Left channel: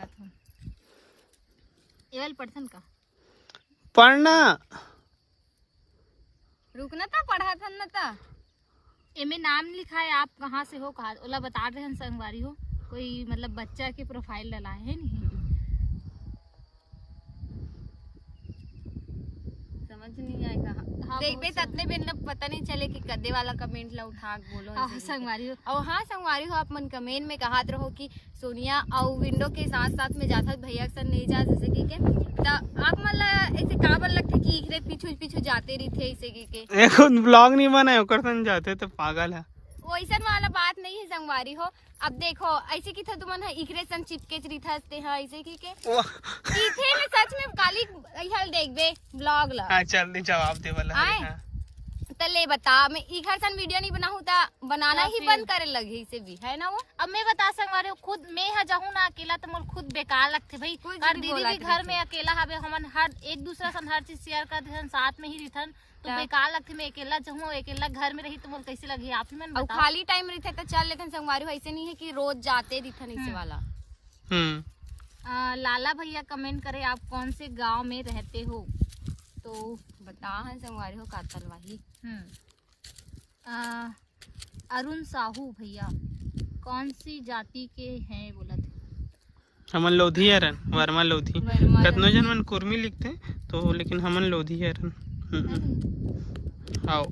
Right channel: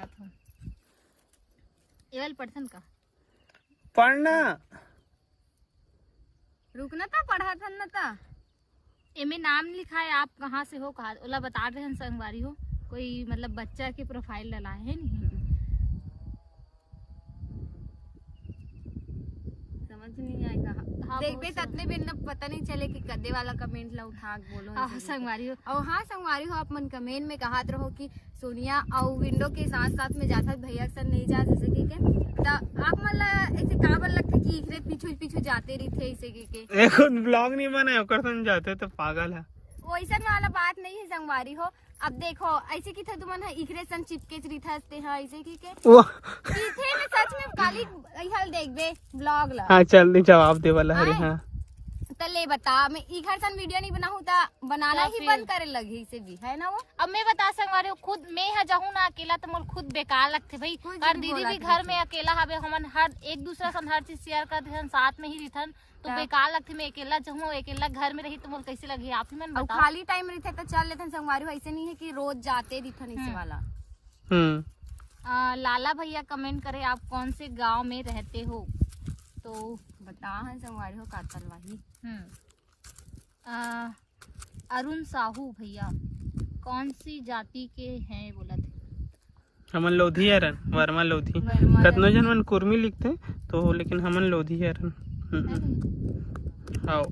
पढ़त हूँ एवल पढ़थन का पढ़ना रुकना था पढ़ा था न था एमे नाम लिखा है आप कहाँ से हो कहा ओला बता रहे हैं संगवारी हो कोई मतलब बच्चा के प्रोफाइल डला है नहीं समझ नहीं आएगा हाँ, देख देख इतने बिन पता नहीं चले कि कद्दे वाला कमेंट ला उठा बोलो संगवारी हो और हाँ संगवारी हो आप मन कमेंट में कहत रहो कि सोनिया और विंडो के साथ साथ में जाता भैया के साथ नहीं जा सके के आप मन ऐसे काबर लगते कि इकरे पीछू पीछू जाते रही थे ऐसे के एक ब्लॉग नहीं बनाए ओकर संग जाते तो पागल है वैसा वाला बात नहीं है संगवारी हो अब देखो ऐसे की था तुमन इकरे संग चिपके रिथते हैं ऐसे की के इथे में सच में काली हल देखबे ब्लॉग ला हाँ चल नहीं जवाब दे वाला है हाँ तो ले बता मैं इधर सन वीडियो नहीं बनाऊँ ता बनाना ही बंद करे लगी से भी है ना वो अब मैं बता संगवारी खुद मैं यहाँ जाऊँ ना अकेला तो मोल खुद बेकार लगते भाई और दीदी भी घर में अकेला हवे हमन हर एक दूसरा सन हर चीज शेयर करते साथ में ही रिथन तो बेकार लगते मैं अकेला जाऊँ अकेला घर में रही तो मोल कैसे लगी आप ही मन बताओ खाली टाइम रहते तो चल लेते संगवारी ऐसे नहीं है कि रोज जाते रिथन इसे वाला लाला भैया कमेंट करे आप कौन से गांव में रहते हो तो बता है संगवारी हो कातलवाही अरुण साहू भैया कौन सी जाति के हैं बोला थे हमन लोधी हरन वर्मा लोधी कतनो जन मन कुर्मी लिखते तो लेकिन हमन लोधी हरन आओ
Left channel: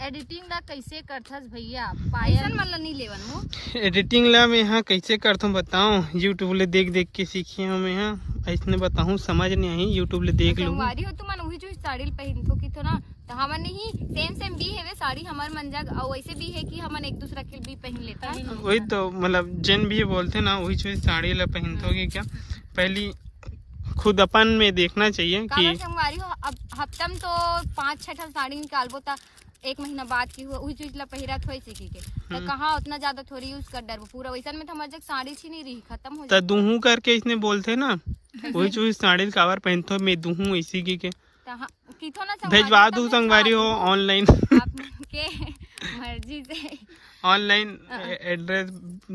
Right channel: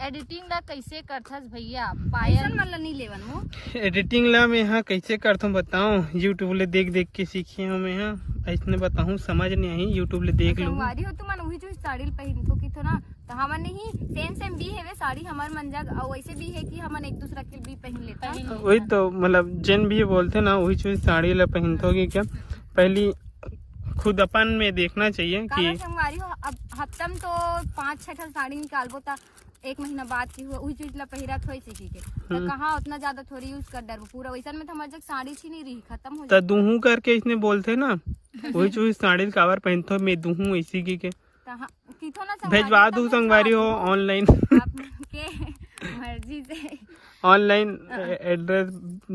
एडिटिंग ला कैसे करथस भैया पायल मतलब नहीं लेवन वो एडिटिंग ला मैं यहाँ कैसे करथूं बताऊं यूट्यूब ले देख देख के सीखी हूँ मैं यहाँ ऐसने बताऊं समझ नहीं आई यूट्यूब ले देख लूं संगवारी हो तुमन वही जो साड़ी पहनथो की तो ना तो हमन नहीं सेम भी है वे साड़ी हमार मन जग और वैसे भी है कि हमन एक दूसरा के भी पहन लेता है वही तो मतलब जन भी बोलते ना वही चीज साड़ी ला पहनथोगे क्या पहली खुद अपन में देखना चाहिए कि संगवारी हो अब हफ्तम तो 5-6 साड़ी निकालबो ता एक महीना बाद की हुआ वही चीज ला पहिरत होई से की के तो कहां उतना ज्यादा थोड़ी यूज कर डर पूरा वैसा में तो हमारे जग साड़ी छी नहीं रही खत्म हो त दूहू करके इसने बोलते ना वही चीज साड़ी कावर पहनतो मैं दूहू इसी की के किथो ना भेजवा दू संगवारी हो ऑनलाइन आपके मर्जी से ऑनलाइन एड्रेस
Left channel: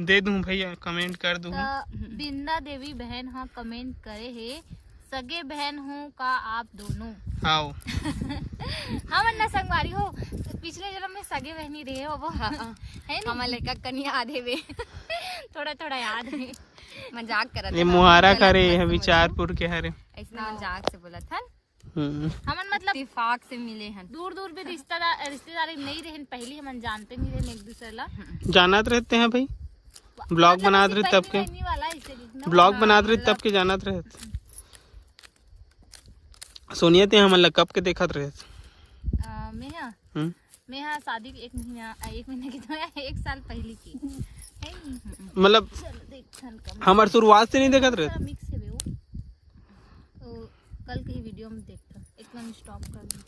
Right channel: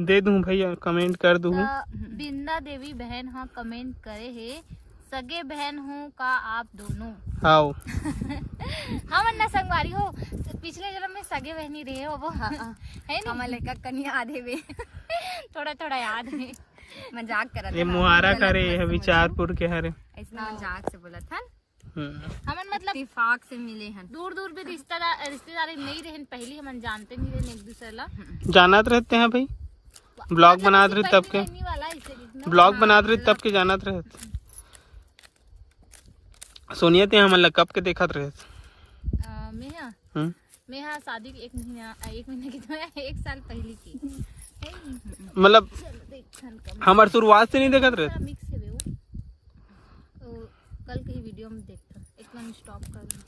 दे दूं भैया कमेंट कर दूं बिंदा देवी बहन हाँ कमेंट करे है सगे बहन हूँ का आप दोनों आओ हम अन्ना संगवारी हो पिछले जन्म में सगे बहनी रहे हो वो है ना हमारे लड़का कन्या आधे में थोड़ा थोड़ा याद है मजाक कर ये मुहारा करे है विचारपुर के हरे ऐसा मजाक से बोला था हमन मतलब इत्तेफाक से मिले हैं दूर दूर पे रिश्तेदारी नहीं रहे पहले हमन जानते नहीं रहे एक दूसरे ला जानत रहते हैं भाई ब्लॉग बनाते रहे तब के ब्लॉग बनाते रहे तब के जानत रहे सोनिया ते हमन ला कब के देखत रहे मैं यहाँ शादी एक महीना की तो 1 साल पहले की मतलब हमार शुरुआत से नहीं देखत रहे मिक्स है वो तो कल की वीडियो में देखता एक मिनट स्टॉप कर दूं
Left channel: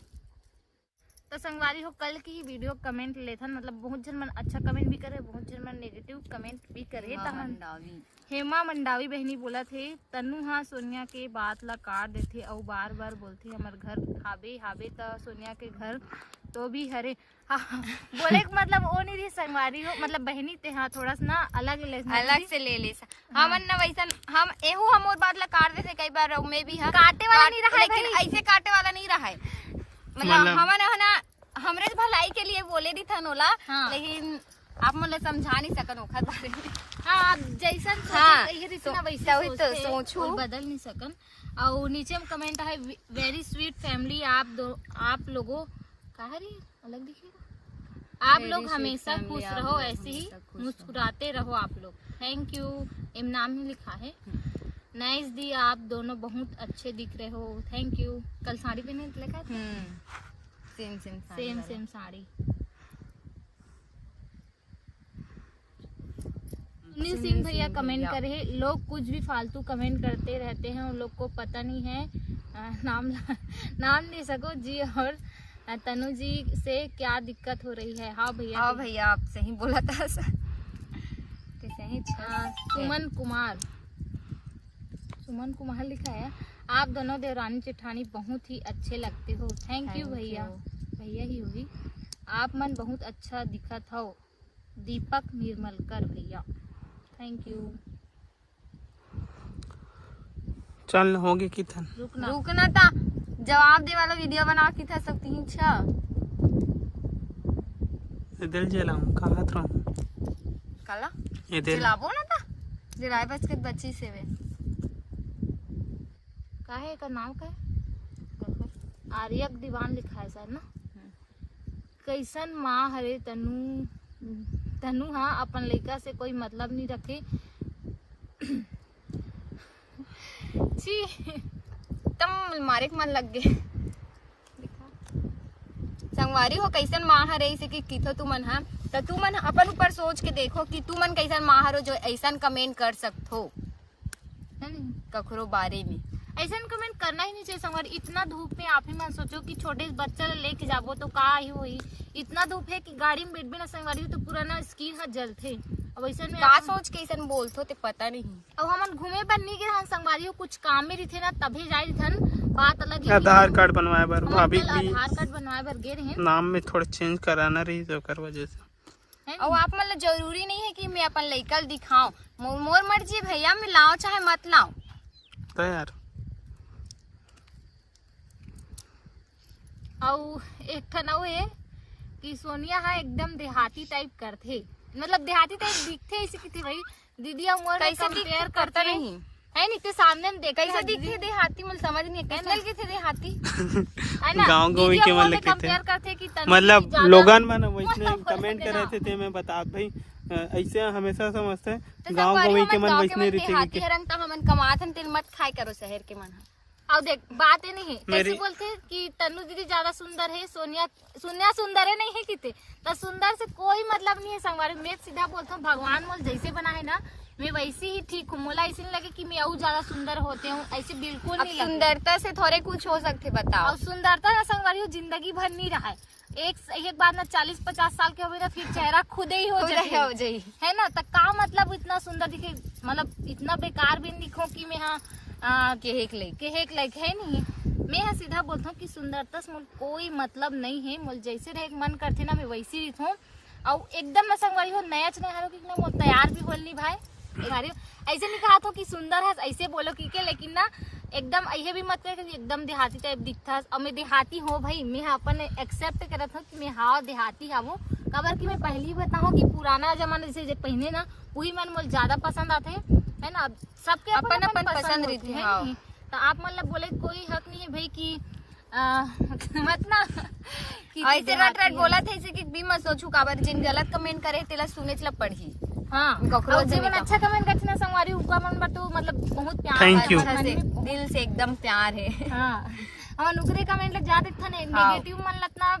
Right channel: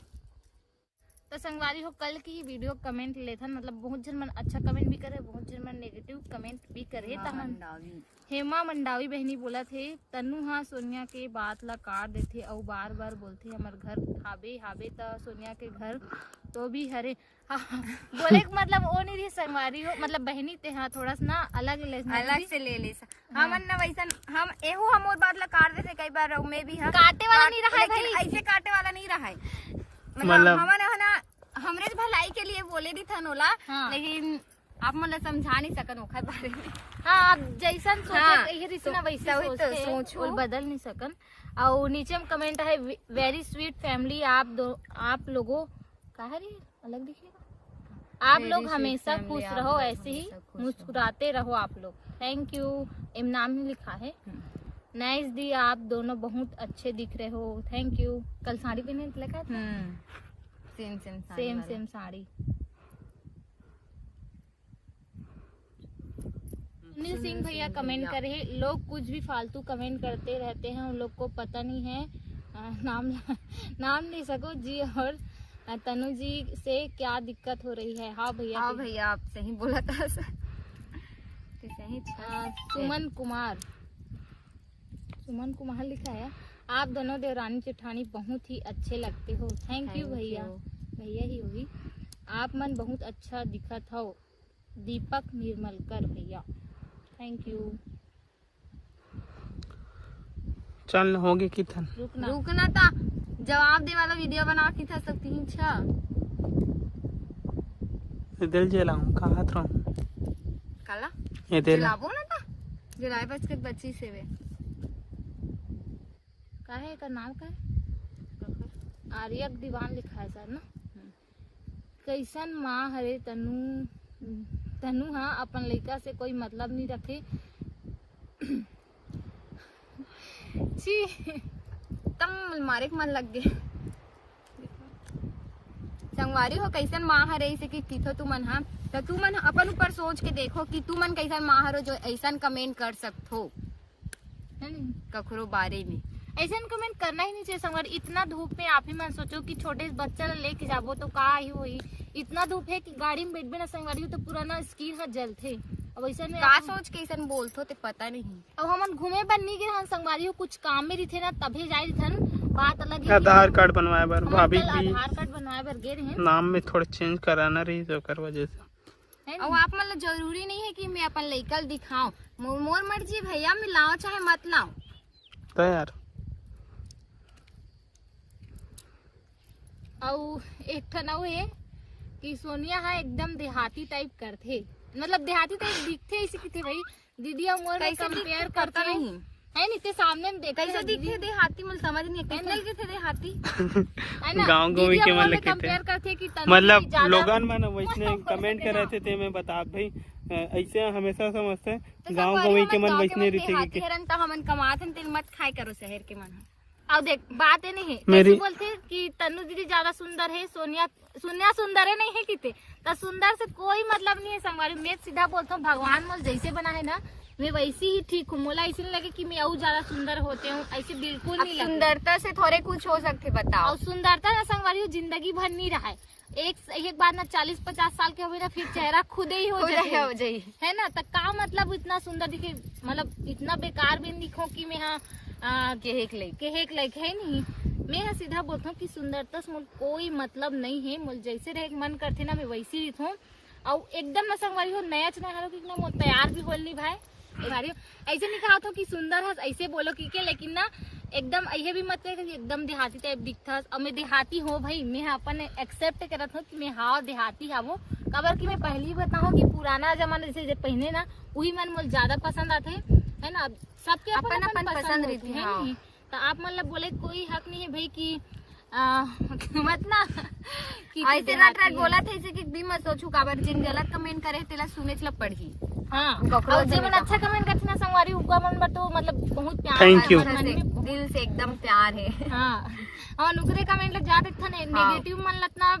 तो संगवारी हो कल की ही वीडियो कमेंट लेथा मतलब बहुत जन मन अच्छा कमेंट भी करे बहुत जन मन नेगेटिव कमेंट भी करे हेमा मंडावी बहनी बोला थे तनु हाँ सोनिया के बात ला काट देते और बार बार बोलते हमार घर हाबे तो सोनिया के घर तो भी हरे हाँ बोले मतलब वो नहीं रही संगवारी हो मतलब बहनी ते हाँ थोड़ा सा ना अलग से ले ले हम ना वैसा हम एहू हम और बात ला काट देते कई बार मैं भी काटे वाला नहीं रहा है ऐसे काटे वाला नहीं रहा है मतलब हमने हमरे भलाई के लिए बोले दी था नोला लेकिन आप मतलब समझा नहीं सकन ओखर बारे में हाँ आप जैसन सोचे ना वैसा सोच बदल नहीं सकन और नीचे में कमेंट है वेरी स्वीट फैमिली आप लोगों कहा रही अलग दिखेगा आप लोग हमेशा खुश रहो ऐसे ही मुस्कुराते रहो आप लोग थैंक यू एम नाम ही लिखा है नाइस दी आप दोनों बहुत अच्छे दिख रहे हो थैंक यू कल साड़ी पहने लगा सेम साड़ी सुनील सिंह भैया कमेंट करे लोग कुछ भी फालतू कमेंट करते रहते हैं उन लोग को पता नहीं है नाम नहीं सको जी और तनु जी से क्या दिक्कत हो रही है हाँ भैया आप सही बोला था सुमन कुमार लिखा है आप दोनों देवरानी जेठानी बहुत ही अच्छे लगते हो थैंक यू भैया ही होगी आप मन बहुत अच्छा दिखत हो दीपक निर्मलकर भैया थैंक यू चल होगी किथन रुकना था जवाब दे वाला वीडियो बना की था सब 3-6 दिल जलाऊं कहा था काला ये दिल जलाबो ना था जराय बच के बच्ची से वे का है का नाम का है आर्यक दीवान लिखा है सर ना। कैसन माँ हरे तनु हाँ अपन लड़का से कोई मतलब नहीं रखे। छी तम मारे के मन लग गए संगवारी हो कैसन माँ हरे इसे कि किथो तू मन हा तो तू मन अपन ऊपर सोच के देखो कि तू मन कैसन माँ हरो जो ऐसा कमेंट कर सकतो है नहीं कखरो बारे में। ऐसा कमेंट करना ही नहीं चाहिए संगवारी। इतना धूप में आप ही मन सोचो कि छोटे बच्चे लेके जाबो तो का ही होई। इतना धूप है कि गाड़ी में बैठबे ना संगवारी तो पूरा ना स्किन हट जलथे। अब ऐसा में का सोच के ऐसा बोलतो ते पता नहीं। अब हमन घूमे बर नहीं गए हन संगवारी हो कुछ काम में रही ना तभी जाए थन बात अलग है। आधार कार्ड बनवाए बर हमन भाभी कल भी आधार कार्ड बनवाए बर गए रहे नाम में थोड़ा चेंज कराना रही तो कर वजह से हैं और आप मतलब जरूरी नहीं है कि मैं अपन लड़का दिखाऊं मोर मर्जी भैया मैं लाओ चाहे मत लाओ तो यार। और एक ठन अउ है कि सोनिया हा एकदम देहाती टाइप करथे मतलब देहाती टाइप दिखथे ऐसे कि भाई दीदी और मोर में कंपेयर करते नहीं है नहीं ते सामने में देख कैसे दिखे देहाती मुझे समझ नहीं कैसे लगे थे देहाती है ना गाँव गाँव दीदी के और मन मोर में लगते थे कंपेयर करथे कि तनु मतलब ज्यादा- लोगन मन वैसने कमेंट कर रहे थे मैं बता भाई ऐसे हमेशा समझते हैं गाँव गाँव के मन वैसने रहते कि रंग का हमन कमात हन तेल मत खाए करो शहर के मन अब देख बात ये नहीं है मेरी- ऐसे बोलते कि तनु दीदी ज्यादा सुंदर है सोनिया सुंदर है नहीं है किते तो सुंदर से कोई मतलब नहीं है संगवारी। मैं सीधा बोलता हूँ भगवान मोल जैसे बना है ना मैं वैसे ही ठीक हूँ। मोला ऐसे नहीं लगे कि मैं और ज्यादा सुंदर होते हूँ ऐसे बिल्कुल नहीं लगे। सुंदरता से थोड़े कुछ हो सकते बताओ और सुंदरता ना संगवारी जिंदगी भर नहीं रहा है। एक बार ना 40-50 साल के हो गए ना फिर चेहरा खुद ही हो जाए हो जाए है ना। तो का मतलब इतना सुंदर दिखे मतलब इतना बेकार भी दिखो कि मैं हाँ केहेक लाइक है नहीं। मैं हाँ सीधा बोलता हूँ कि सुंदरता से मुझे कोई मतलब नहीं है। मुझे जैसे रहे मन करते ना मैं वैसी रही हूँ और एकदम ना संगवारी हो नया चने हारो कि ना मुझे तैयार भी बोलनी भाई भारी ऐसे नहीं कहा तो कि सुंदर है ऐसे बोलो कि के लेकिन ना एकदम ऐसे भी मत कहे कि एकदम देहाती टाइप दिखता और मैं देहाती हो भाई मैं अपन एक्सेप्ट करत हूँ कि मैं हाँ देहाती हाँ वो कबर की मैं पहले ही बताऊँ कि पुराना जमाना जैसे पहने ना वही मन मुझे ज्यादा पसंद आते है ना। सबके अपन अपन पसंद रहती है नहीं तो आप मतलब बोले कोई हक नहीं है भाई कि मत ना कि ऐसे रट बोला थे ऐसे कि भी मत सोचू काबर जिन गलत कमेंट करे तेला सुने चला पढ़ी हाँ और जीवन अच्छा कमेंट करते ना संगवारी उनका मन बा तो मतलब बहुत प्यार Thank you. दिल से एकदम प्यार है हाँ और नुकरे कमेंट लग जाते थे नेगेटिव मन लगना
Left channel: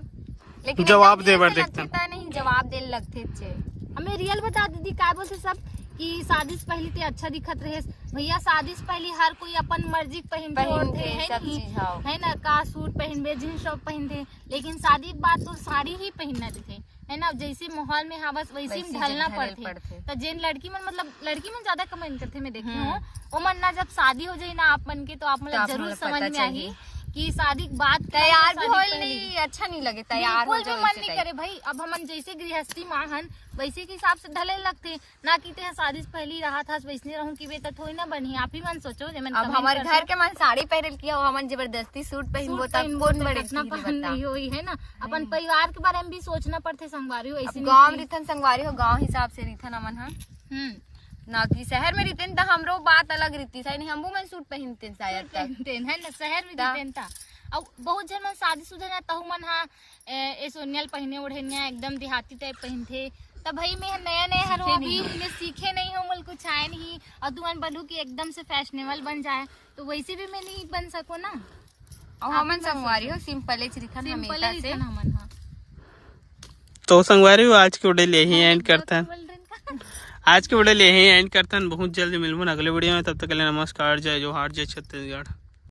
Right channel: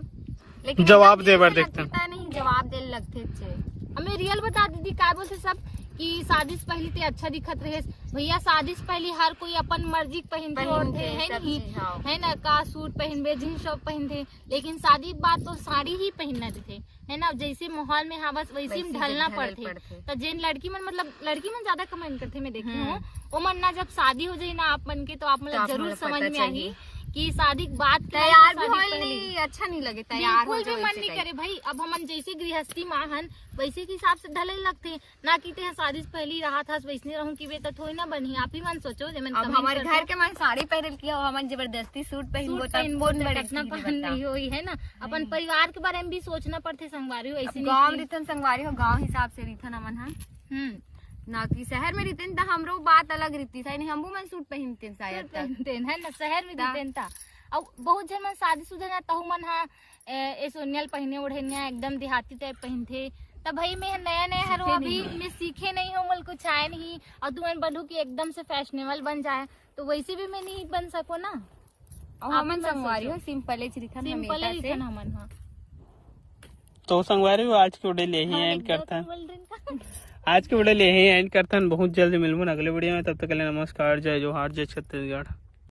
लेकिन जवाब एकदम दे बर ऐसे देखते लगता नहीं जवाब दे लगते थे। हमें रियल बता दीदी क्या बोलते सब कि शादी से पहले ते अच्छा दिखत रहे भैया। शादी से पहले हर कोई अपन मर्जी पहनते होते है सब नहीं चीज, हाँ। है ना का सूट पहनबे जींस टॉप पहनते लेकिन शादी के बाद तो साड़ी ही पहनना थे है ना। जैसे माहौल में हाँ बस वैसे में ढलना पड़ते तो जिन लड़की मन मतलब लड़की मन ज्यादा कमेंट करते मैं देखी हूँ वो मन ना जब शादी हो जाए ना आप मन के तो आप मतलब जरूर समझ में आई कि शादी के बाद तैयार भी होल नहीं अच्छा नहीं लगे तैयार बिल्कुल भी मन नहीं करे भाई। अब हमन जैसे गृहस्थी माहन वैसे के हिसाब से ढले लगते ना कि ते शादी से पहले रहा था वैसने रहूं कि बेटा थोड़ी ना बनी। आप ही मन सोचो जब अब हमारे घर के मन साड़ी पहनल किया हमन जबरदस्ती सूट पहनबो कितना पहन नहीं हुई है ना। अपन परिवार के बारे में भी सोचना पड़ते संगवारी हो ऐसे गाँव रिथन संगवारी हो गाँव हिसाब से रिथन अमन है ना कि शहर में रहते तो हमरो बात अलग रहती है नहीं हमू मन सूट पहनते शायद पहनते है ना शहर में रहते और बहुत जन मन शादीशुदा ना तहु मन हाँ सोनियल पहने ओढ़े एकदम देहाती टाइप पहनते तब भाई मैं नया हर अभी मैं सीखे नहीं हूँ मुझे कुछ आए नहीं और तू मन बोलू कि एकदम से फैशनेबल बन जाए तो वैसे भी मैं नहीं बन सको ना। और हमन संगवारी हो सिंपल रिथन हमन हाँ तो संगवारी हो आज के वीडियो यही एंड करते हैं। आज के वीडियो यही एंड करते हैं। बहुत जल्दी मिलूंगा अगले वीडियो में तब तक के लिए नमस्कार जय जोहार जय छत्तीसगढ़।